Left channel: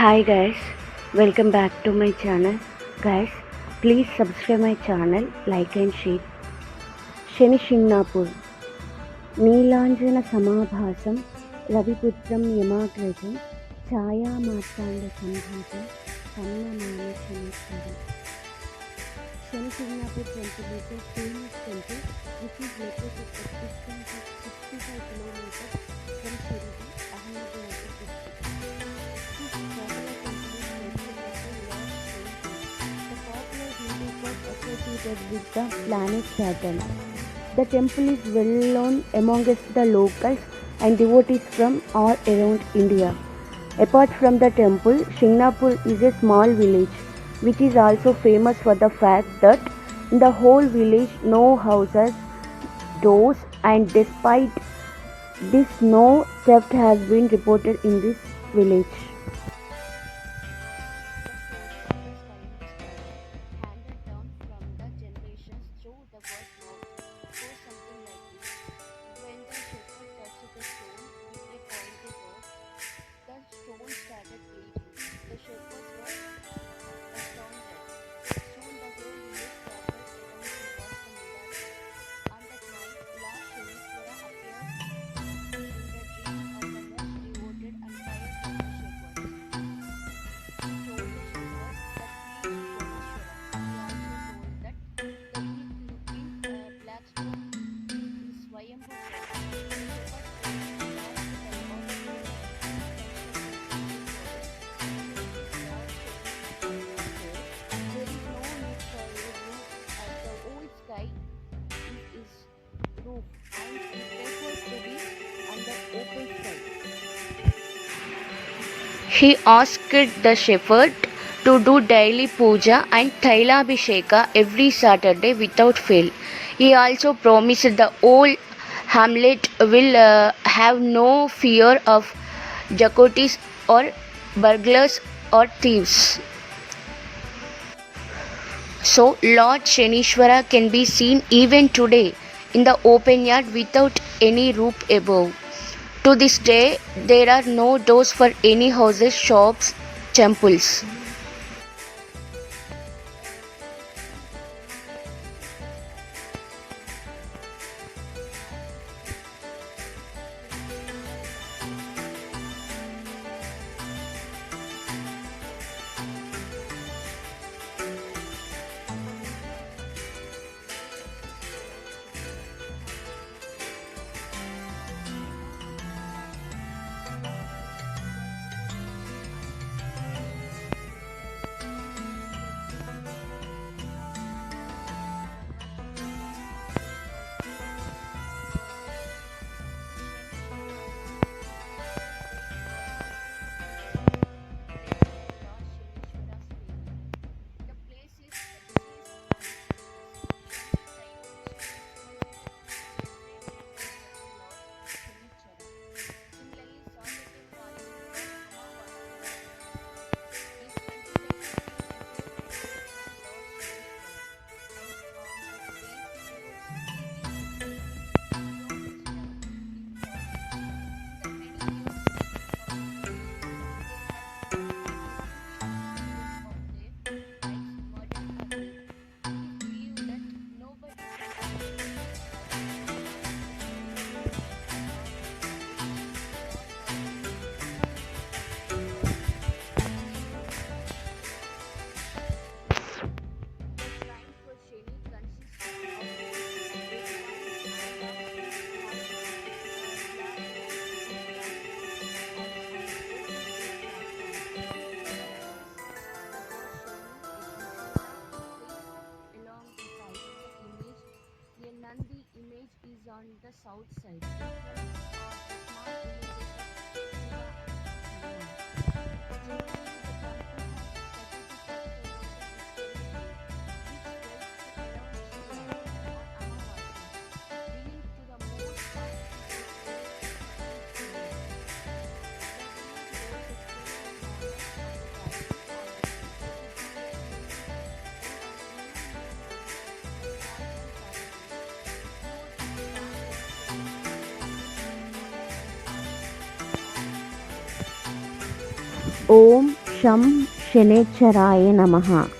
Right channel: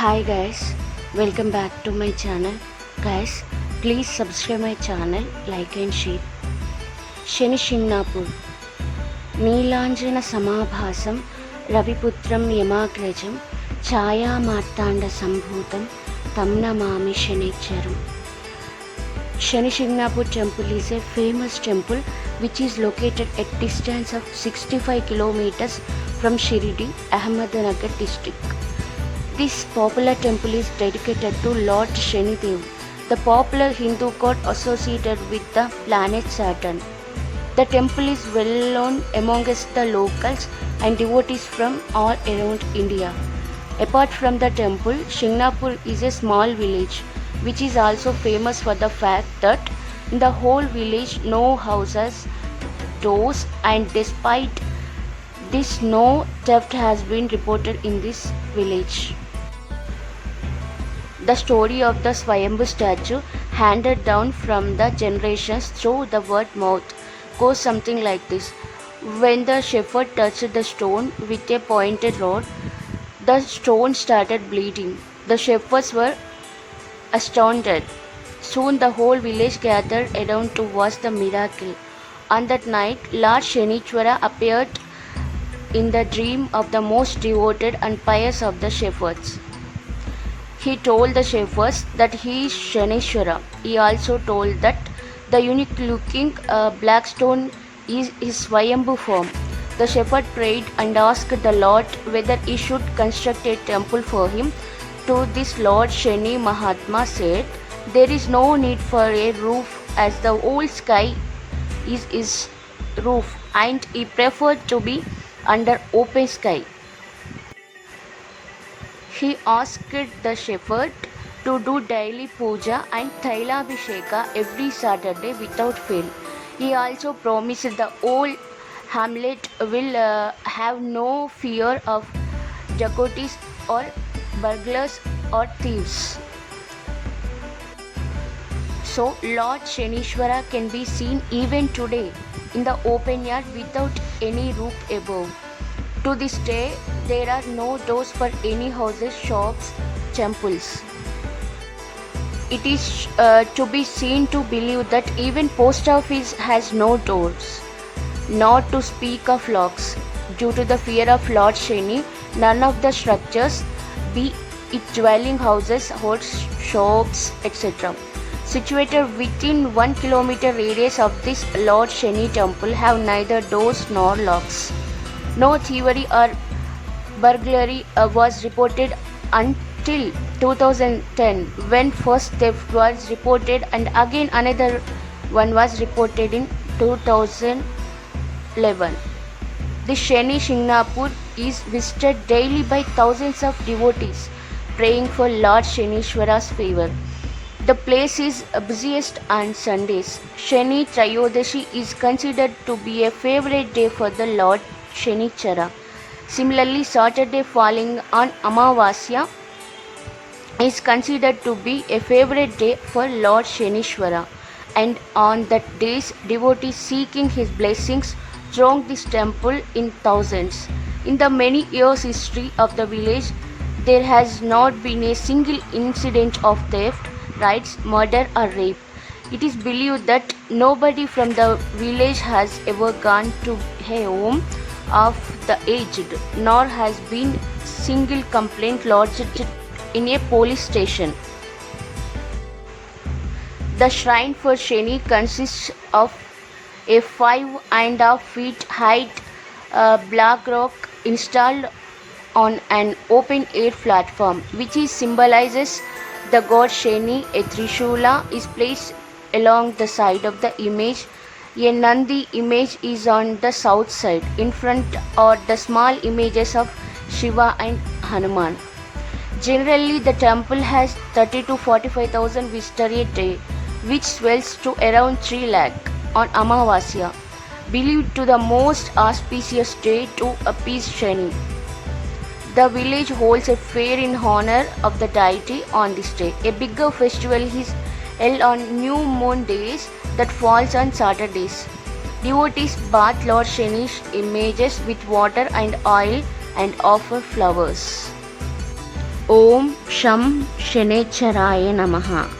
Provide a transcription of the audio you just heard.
Hi guys, welcome back to my channel. Guys, please subscribe my channel, like and share. Shani Shingnapur Neelanjana Samabhasam Raviputram Yamagrajam Chaya Martanda Sambhutam Tamna Mami Shanicharam. Shani Shingnapur temple is a famous temple which is located at distance of 65 kilometers from Shirdi, Ahmednagar district. This popular temple is dedicated to Lord Shani Dev, the popular Hindu god associated with the planet Saturn. The temple is well known amongst the locals and devotees from all around India. Apart from the temple, Shingnapur is a small village which is also famous for the fact that in the whole village no houses, doors, and despite this no theft has been reported in this village. The story of the Swayambhu statue handed down from the generations through the word mouth goes something like this. When the shepherd touched the stone with a pointed rod, the stone started bleeding. The shepherds were astounded. Soon the whole village gathered around to watch the miracle. On that night, Lord Shanichwara appeared in the dream of the most devoted and pious of the shepherds. He told the shepherds that he is Shaneshwara. He also told that the unique looking black stone is his Swayambhu form. The shepherd prayed and asked the Lord whether he should construct a temple for him. To this Lord Shani Mahatma said, there is no need for a roof as the whole sky is his roof, and he preferred to be under open sky. He asked the shepherd to do daily puja and Tailabhisheka every Saturday without fail. He also promised the whole hamlet will have no fear of dacoits or burglars or thieves. So Lord Shanishwara can be seen even today in the open yard without any roof above. To this day, there are no doors for any houses, shops, temples. It is to be seen to believe that even post office has no doors, not to speak of locks. Due to the fear of Lord Shani, none of the structures, be it dwelling houses, holds shops, etc., situated within 1 kilometer radius of this Lord Shani temple have neither doors nor locks. No thievery or burglary was reported until 2010, when first theft was reported, and again another one was reported in 2011. The Shani Shingnapur is visited daily by thousands of devotees praying for Lord Shanishwara's favor. The place is busiest on Sundays. Shani Trayodashi is considered to be a favorite day for the Lord Shanichara. Similarly, Saturday falling on Amavasya is considered to be a favorite day for Lord Shanishwara, and on that days devotees seeking his blessings throng this temple in thousands. In the many years history of the village, there has not been a single incident of theft, riots, murder or rape. It is believed that nobody from the village has ever gone to a home of the aged, nor has been single complaint lodged in a police station. The shrine for Shani consists of a 5.5 feet height black rock installed on an open air platform, which symbolizes the god Shani. A Trishula is placed along the side of the image. A Nandi image is on the south side. In front are the small images of Shiva and Hanuman. Generally, the temple has 30 to 45,000 visitors a day, which swells to around 3 lakh on Amavasya, believed to the most auspicious day to appease Shani. The village holds a fair in honor of the deity on this day. A bigger festival is held on new moon days that falls on Saturdays. Devotees bath Lord Shani's images with water and oil and offer flowers. ఓం షం శనేశ్వరాయ నమః.